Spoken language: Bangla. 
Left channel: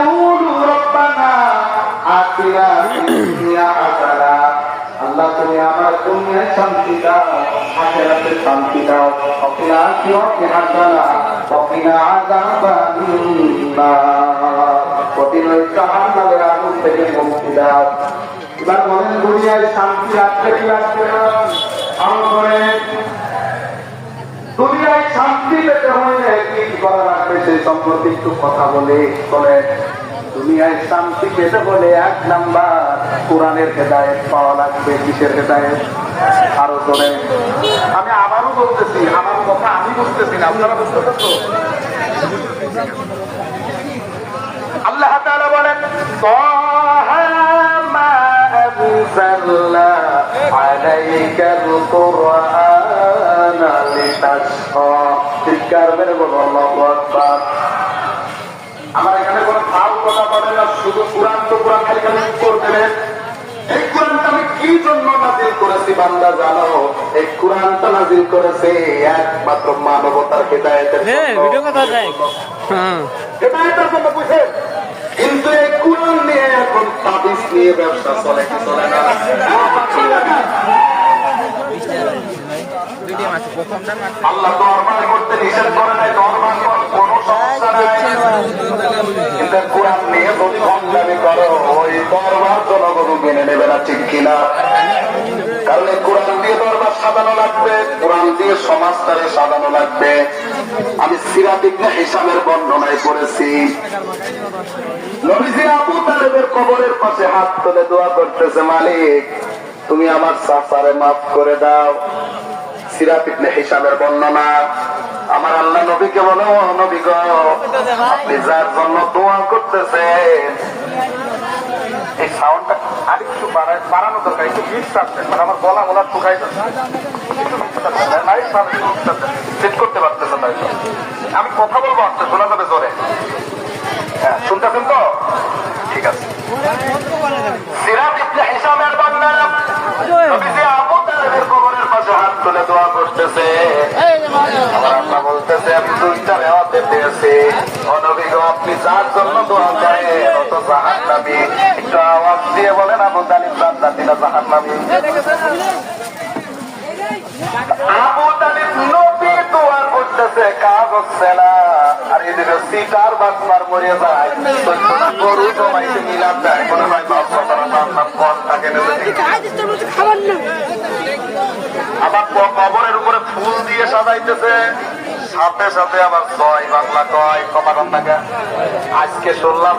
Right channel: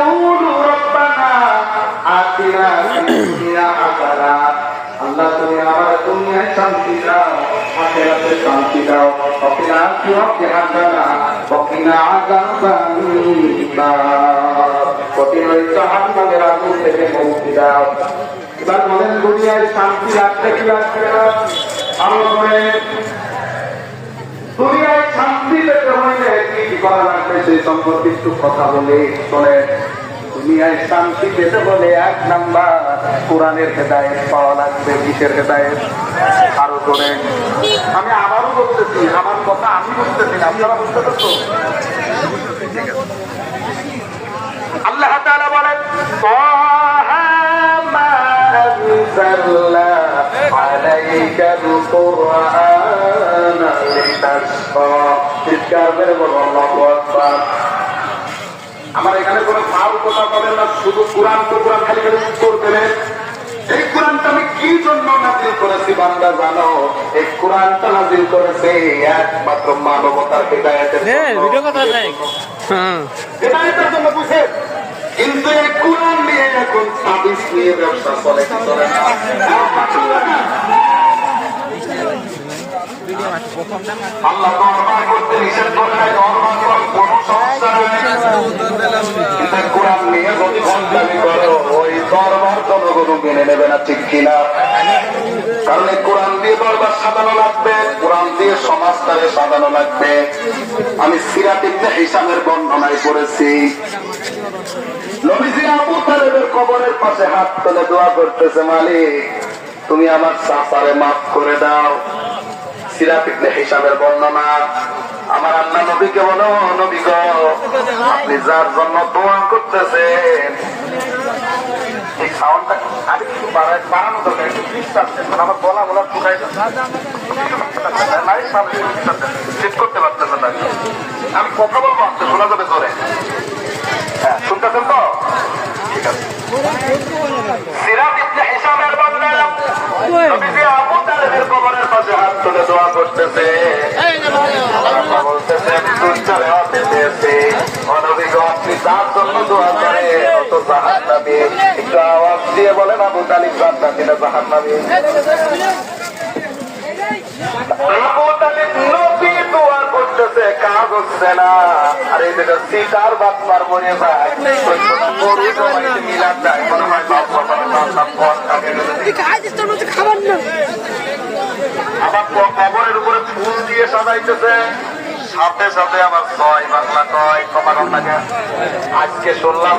ইয়াকুলু রব্বানা আতিনা ফিদ দুনিয়া হাসানা। আল্লাহ তুমি আমার দুনিয়ায় শান্তি দাও, আখিরাতে শান্তি দাও, ওয়াকিনা আখিরাতে হাসানা ওয়াকিনা আযাবান্নার। প্রতিদিন জাহান্নামের আগুন থেকে মুক্তি দাও। এবার বলেন দুনিয়ায় শান্তি রাখতে কি রাখবে না? আরো করে দুনিয়ায় শান্তি পেতে হইলে কি করা লাগবে সেই সম্পর্কে একটু কথা বলে শোনে। দুনিয়ায় শান্তি পেতে হলে 1 নাম্বার কোরআনের হেদায়েত পাওয়া লাগবে। কিসের হেদায়েত? আরো করে আমি আবারও বলতেছি, আমার কথা আমি বুঝতেছি না, আপনারা বুঝতে পারছো? আল্লাহ তাআলা বলেন তাহা মা আনজালনা আলাইকাল কুরআনা লিতাশকা। চিৎকার মেরে বলো আল্লাহু আকবার। আমার এখানে কোনো ফাল কথা বলেন না, শুধু কোরআন তো কোরআন খালি খালি করতে। এই কোরআনটা আমি কি জন্য নাযিল করেছি বান্দা জানো? এই কোরআনটা নাযিল করেছে একমাত্র মানবতার হেদায়েতের জন্য। ভিডিও কথা নাই, হেদায়েতের জন্য বুঝে। কিন্তু এই কোরআন নিয়ে এখন তাবিজ নিয়ে ব্যবসা চলে। আল্লাহ দরবার করতে নিষেধ করে নাই, কোরআন নিয়ে যদি সন্ধানী করো ওই দরবার জনগণ মেনে নেবে না, ঠিক কিনা? কারণ এই কোরআন দিয়ে দরবার সাজানো লাগবে, কোরআন দিয়ে সমাজটারে সাজানো লাগবে। আমি সিরাত ইবনে হিশামের বর্ণনায় পড়েছি, নবীজি আবু তালেবের কবরের পাশে হাত তুলে দোয়া করতেছে, মালিক তুমি আমার চাচারে মাফ করে দাও। সিরাত ইবনে হিশামের বর্ণনা। আমার আল্লাহ নবীকে বলো, নবী গো আপনি যার জন্য দোয়া করতেছেন এই সাউন্ডটা আর একটু বাড়ানো দরকার, একটু ডিস্টার্ব মানে আমার গলা বলার টুকাই সেট করতে পারতেছে না। আমি কথা বলবো, আপনি শোনা যাবে জোরে? হ্যাঁ শুনতেছেন তো? ঠিক আছে। সিরাত ইবনে হিশামের বর্ণনা, নবীজি আবু তালেবের কবরের পাশে হাত তুলে দোয়া করতেছে, আল্লাহ বলতেছে আমি দুইটারে হাতে নিয়েছি, ও নবী গো আপনি যার জন্য দোয়া করেন তো জাহান্নামী। একটু আওয়াজ দিয়ে বলেন আবু তালিব জান্নাতি না জাহান্নামী? আবু তালিব নবী দোয়া করতেছে, কাজ হচ্ছে না। আর এই দিকে শিকার বাদবার মরে যায়, সত্যটা গরু জমাইতে মিলাদ যায়, মনে হয় আবার কবরের উপরে ফুল দিয়ে সাজাইতেছে, সাথে সাথে আবার 6 বাংলা কয় কমা কম টাকা। আজকে শুনলাম